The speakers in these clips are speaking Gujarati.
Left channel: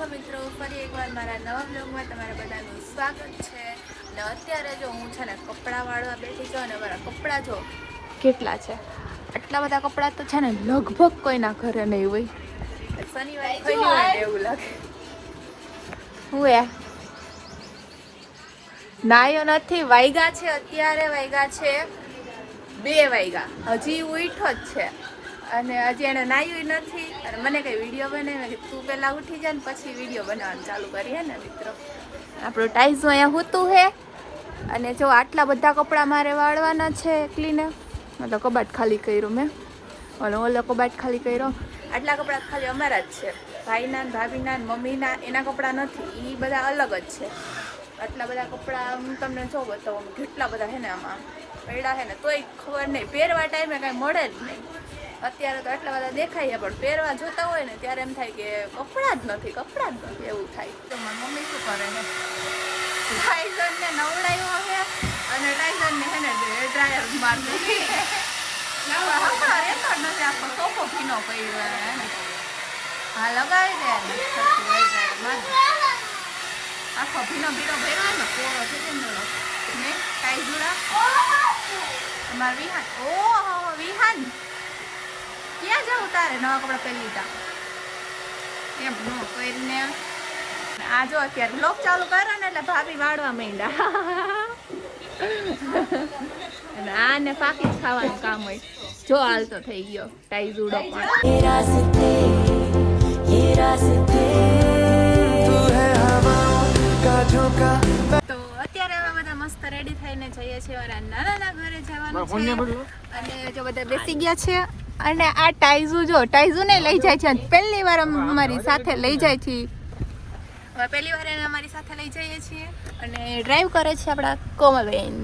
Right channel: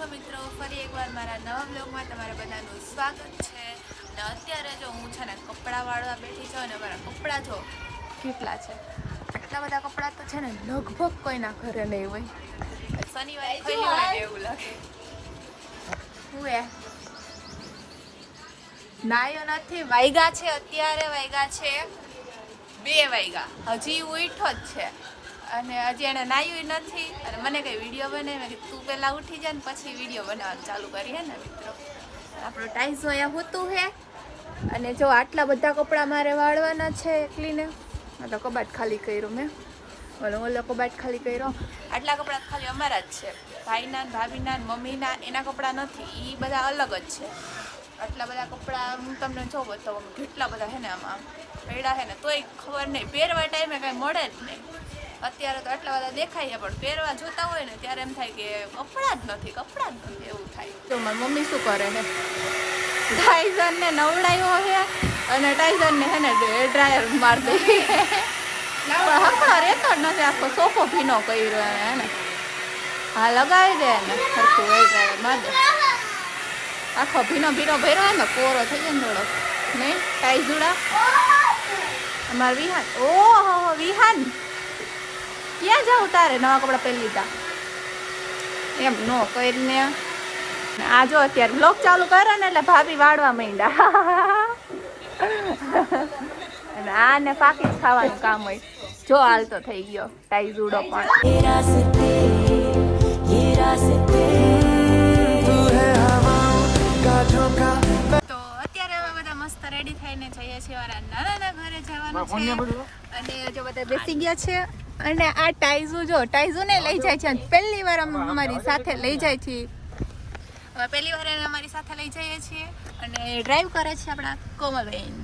છો મિત્રો, ફરી એકવાર મારા નવા બ્લોગમાં તમારા બધાનું સ્વાગત છે. અને અત્યારે જો હું છે ને કપડાં વાળવા બેઠી છું અને મારા કપડાં જો કેટલા છે. આટલા બધા કપડાં તો છે ને લગભગ કોઈના ઘરે નહીં હોય. શનિવારે ખોલ્યું હોય ને એવું લાગે. હું નાયો નથી, વાગ્યા છે અત્યારે, વાગ્યા છે 2 વાગ્યા, હજી ઉઠો જ છે અને હજી એને નાયું નથી. અને મને કંઈ વિડીયો બનાવે કે તું પહેલાં ઉઠી જાય ને પછી વિડીયો બનાવવાનું ચાલુ કરી હે ને મિત્રો. આપણું ટાઈઝું અહીંયા હોતું હે. અને જો આટલા બધા કપડાં મારે વાળવાના છે એટલીને, મતલબ કબાટ ખાલી કર્યો મેં અને ઓલો કબાટ ખાલી કર્યો. આટલા કપડાં ખાલી અમારા જ છે, ભાઈના ને ભાભીના ને મમ્મીના. એના કપડાં નથી, એ બધા અલગ જ છે. આટલા બધા કપડાં હું તમને જો બતાવું, કેટલા બધા છે ને આમાં પડ્યા છે ને, તોય ખબર નહીં, પહેરવા ટાઈમે કાંઈ મળે જ નહીં. અત્યારે તો આટલા બધા દેખાય પણ પહેરવા જોતા હોય ને ત્યારે એમ થાય કે કપડાં જ નથી એવું થાય. તો મારી મમ્મી શું કરે છે, ટાઈઝનને નવડાવ્યો છે અને ટાઈઝનને છે ને ડ્રાયર મારી દે પણ હમણાં રહેતો જ નથી. આખો સોફો ભીનો કર્યો હે ને, હા લગાવી દે ને સરખું ડ્રાયર મારી દે. આખો ભીનો ભર્યો હોય ને, કોરો થઈ જાય ને થોડો નહીં. ટાઈઝુડા અમારે વિહાન, ઓહો વિહાન ક્યાં જાવ તારે નવા કપડાં પહેરી લીધા એમ નો કરીને. આ જો અત્યારે બ્લોગ ચાલુ કર્યો ને એટલે ભાભી વાળવા માંડ્યા અને આને પાકી જ ખાવાનું કામ હોય. જો હાલ તો થઈ ગયો ટાઈઝુડો પણ. તો અત્યારે અમે બધા મસ્ત રેડી થઈને જઈએ છીએ મારા નાના ઘરે જવાનું છે. અને જો બધા બેસી ગયા છે અને આ ટાઈઝુ જો ટાઈઝુને લઈ જાય છે. પહેલી વાર અમારી સાથે લઈ જાય છે, પહેલી વાર એને અમારી સાથે લઈ જઈએ છીએ. અને ડ્રાઈવ કરે છે આપણા કોમલબેન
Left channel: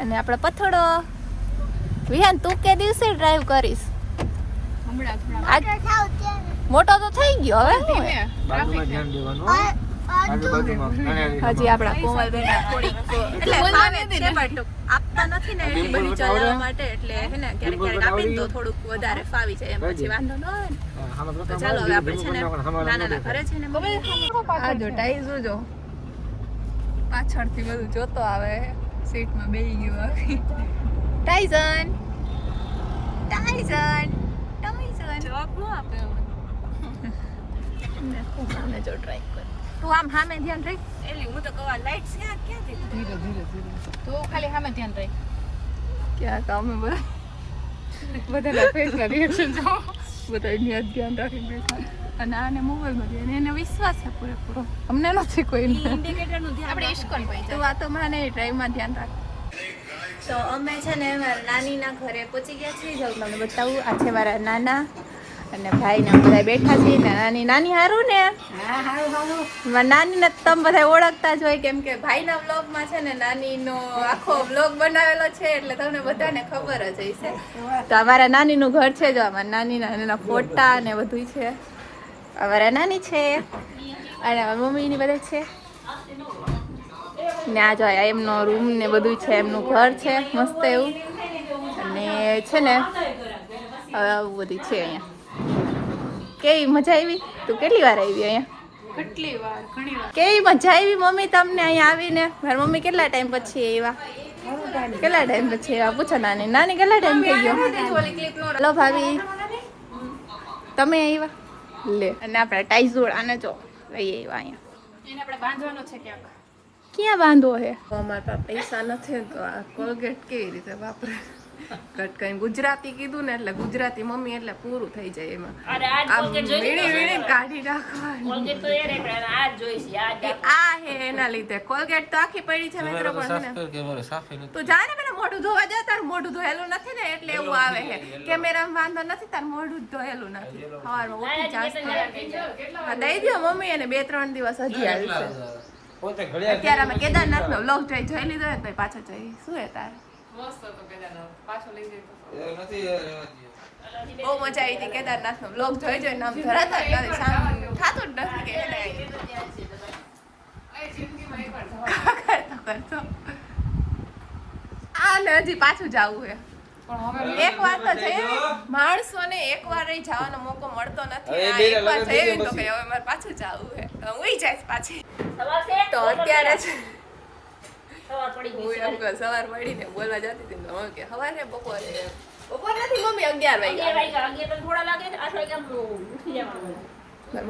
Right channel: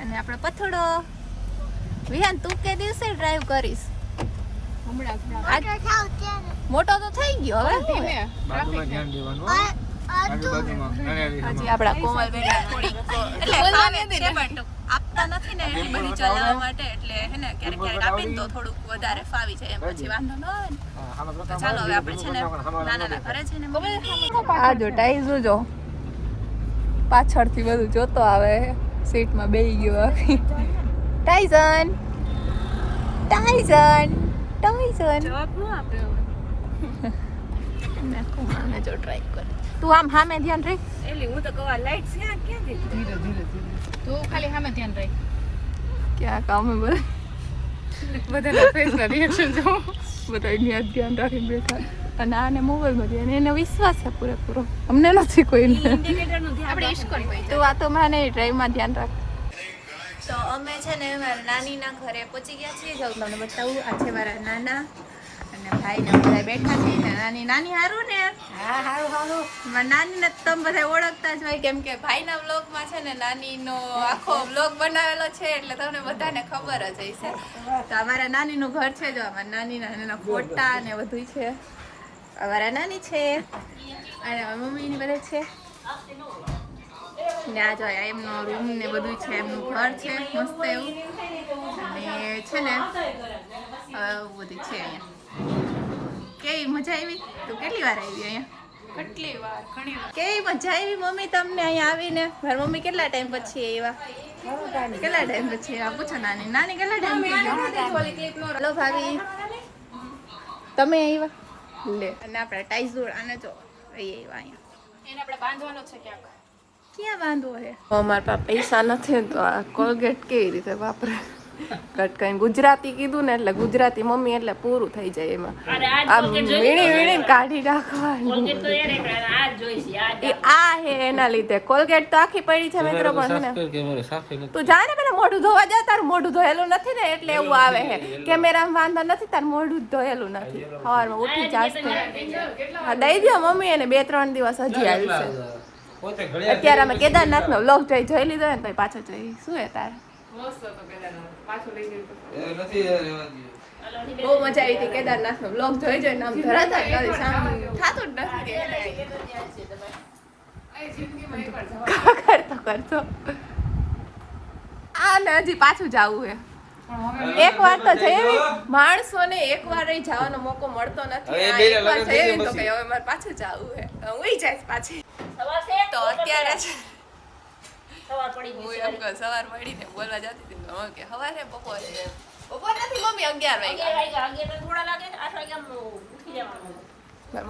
અને આપણા પથડો વિહાન. તું કે દિવસે ડ્રાઈવ કરીશ? મોટો તો થઈ ગયો હવે. બાજુમાં ધ્યાન દેવાનું, હજી આપણા કોમલબેન થોડીક એટલે ફાવે છે બટ આપતા નથી ને એટલી બધી ચલાવવા માટે, એટલે હે ને ક્યારેક આપીને તો થોડુંક વધારે ફાવી જાય એમ, પછી વાંધો ન આવે ને. તો ચાલો હવે આપણે છે ને નાના ઘરે છે ને આ જો ટાઈઝુ જો પાછળથી બધું જોતો આવે, સીટમાં બેસી ગયો. ટાઈઝન ટાઈઝન ટાઈઝન જવાબ ન આપ્યો. તું આમ સામે ધ્યાન રાખ. એલી હું તો કવા લાઈટ છે ક્યાં દીધી? તું ખાલી સામે ધ્યાન રાખ. ક્યાં કામ બધા રિએક્શન જો બધા ધ્યાન રાખીને બેઠા. અને આને મોબાઈલમાં ધ્યાન, એને વિશ્વાસ છે પૂરેપૂરો, અમને નથી કોઈને. તો આ તો મને ડ્રાઈવમાં ધ્યાન રાખ. તો અમે છે ને મારા નાનીના ઘરે પહોંચી ગયા છીએ. જો મને બતાવું, આ છે મારા નાના અને ભાઈ ને બધા બેઠા છીએ. નાની નાની હારું ને? હા હારું હારું. નાની ને તમે બધા ઓળખતા જ હોય, કેમ કે ભાઈના વ્લોગમાં છે ને નાનીનો આખો વ્લોગ બનાવેલો છે, એટલે તમને બધાને ખબર જ હશે. તો અમારા નાનીનું ઘર છે, જો અમારા નાનીના ફોટા ને બધું છે. અમારા નાની છે અને મમ્મીની બધા છે ને. આ જો એમનો રૂમ ને બધું છે, એમનું ઘર છે મસ્ત એવું. અને છે ને આવું બધું છે અહીંયા. કેવી મજા આવી? તું કેટલી વાર આવી અહીંયા? કેટલી વાર, ઘણી વાર. કેવી મજા આવી મમ્મી તમને અહીંયા આવીને? મારી મમ્મી કેટલા ટાઈમ પછી આવ્યા? કેટલા ટાઈમ પછી આવ્યા? પૂછો નાની. નાની કેટલા ટાઈમ થઈ ગયો? હલો ભાભી, તમે આવ્યા લે. અને આપણે ટાઈઝોડ આને જો લઈ આવ્યા અહીંયા. એને આપણે બાંધવાનો છે ક્યાંક. ક્યાં બાંધવો છે? અમારા પાસે પૈસા નથી તો આ કોલગેટ કેવી રીતે વાપરે? કઈ ગુજરાતી કીધું ને એટલે ગુજરાતી મમ્મી એટલે પૂરું થઈ જાય એમાં. આમ વીણી કાઢી નાખવાનું. આ હે એના લીધે કોલગેટ તો આખી પડી છે મિત્રો. પણ તું જા ને પેલા મોઢું ધોવા જા. તારું મોઢું ધોયેલું નથી ને એટલે એવું આવે છે. કેમેરામાં વાંધો નથી, તારું મોઢું ધોયેલું નથી. સવારમાં ઉઠી જાસ્તે હા દઈ દો મમ્મી એને 2-3 દિવસ હજી આવી. અત્યારે અમે કેદારનાથનો વ્લોગ જોઈ લીધો ને તો પાછો જોઈ. શું હે તારે? બહુ મજા આવી હતી કેદારનાથ નો વ્લોગ જોઈ નામ ધરાતા જ નથી, સામે થતું જ નથી કે કરતો આ ને હજી પાછું જવું છે. એક વાર તો જઈ માણસોને એક વાર જવાનો મોકો મળતો નથી. આ એક વાર જઈ તો કઈ હવે મારે પાછું જવું હે, હું જાય પાછી. તો અત્યારે છે હું એમ કહું સવાર મળીને બોલવા જતી હતી તો કે સવારે બપોરે નથી મમ્મી 11 વાગ્યા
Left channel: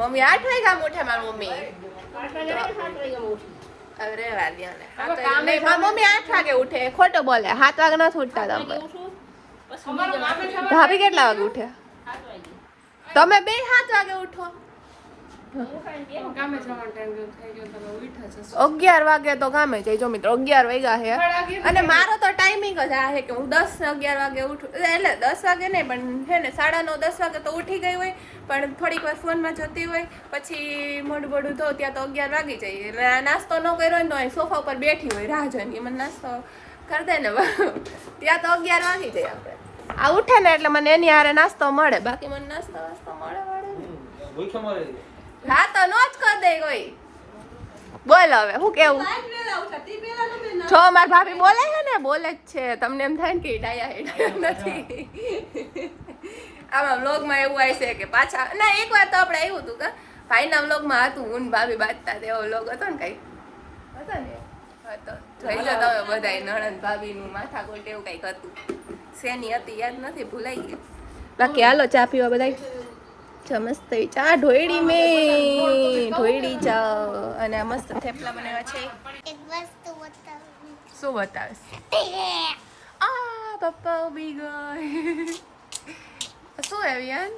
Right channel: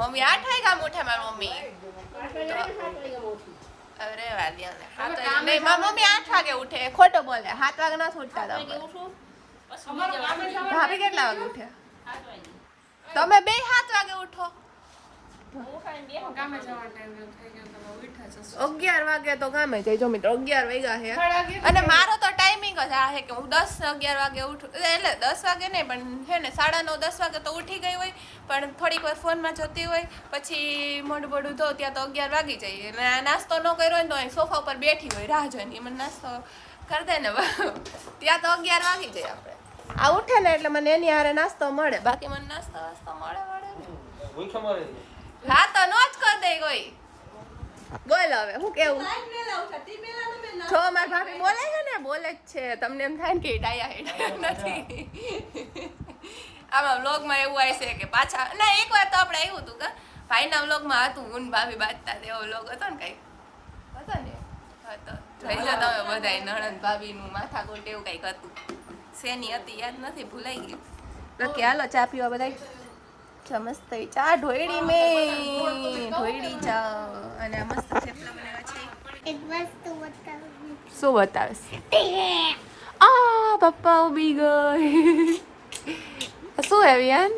મમ્મી 8 વાગ્યા ઉઠે મારી મમ્મી. અરે વાલિયાને મારી મમ્મી 8 વાગે ઉઠે. ખોટો બોલે. 7 વાગે નથી ઉઠતા તમે. ભાભી કેટલા વાગે ઉઠે? તમે બે 7 વાગે ઉઠો. 11 વાગે તો કામે જઈજો મિત્રો. 11 વાગ્યા છે અને મારો તો ટાઈમિંગ જ આ છે કે હું 10-11 વાગે ઉઠું. એટલે 10 વાગે નહીં પણ છે ને 9:30-10 વાગે તો ઉઠી ગઈ હોય, પણ થોડીક વાર ફોનમાં જોતી હોય, પછી મોઢું બોઢું ધો ત્યાં તો 11 વાગી જાય. એટલે નાસ્તો ન કર્યો હોય તો અહીં સોફા ઉપર બેઠી હોય રાહ જોઈને મને નાસ્તો કરી દે ને ત્યાં તો 11 વાગી જાય. આપણે આ ઉઠે ને એટલે મને એની હારે નાસ્તો મળે, બાકી મને નાસ્તો મળે હા તો નો જ કરી દે કોઈ. બોલ હવે હું કેવું છો? મારી ભાભી બોલે છે ને, બોલે જ છે. તમને એમ થાય ને કે ડાયા હેડા નથી. આમાં વ્લોગમાં એવું આવશે કે પાછા ના એક વાર તો આપણે આવ્યું હતું કે ભાઈના વ્લોગમાં હતું હું ને ભાભી બાજતા એવો વ્લોગ હતો ને કઈ હતો ને હતો. જોઈ જો તમે બધા નણંદ ભાભીનું માથાકૂટ એવું કંઈક હતું. શેની હતી યાદ નથી, ભૂલાઈ ગયું. બાકી હાલો ચા પીવા બધા. મસ્ત ચા ઢોયડી મેં ઢોયડી ચા અને મસ્ત થેપલા બનાવ્યા છે. એક વસ્તુ બતાવું. શું બતાવીશ? આ પપ્પા ઉભી ગઈ. શું હે વિયાન?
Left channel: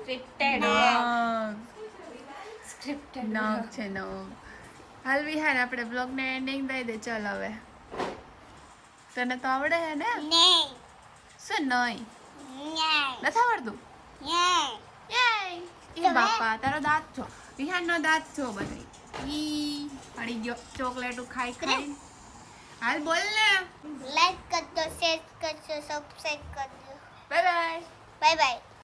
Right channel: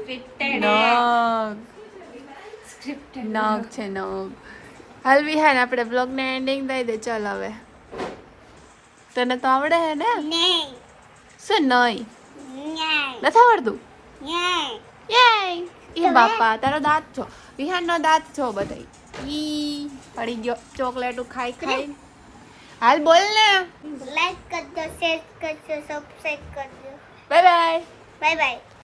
નગ છે નગ. હાલ વિહાન આપણે બ્લોગને એન્ડિંગ દઈ દે. ચાલ હવે તને તો આવડે હે ને? નહીં. શું નહીં? નહીં. નથી આવડતું? નહીં. યે ઈ બાપા તારો દાંત છો. વિહાનનો દાંત છો બધાય. ઈ પડી ગયો ચોકલેટું ખાઈ ખાઈ. હાલ બોલ ને. લાઈક કરજો, શેર કરજો, સબસ્ક્રાઇબ કરજો. Bye bye. Bye bye.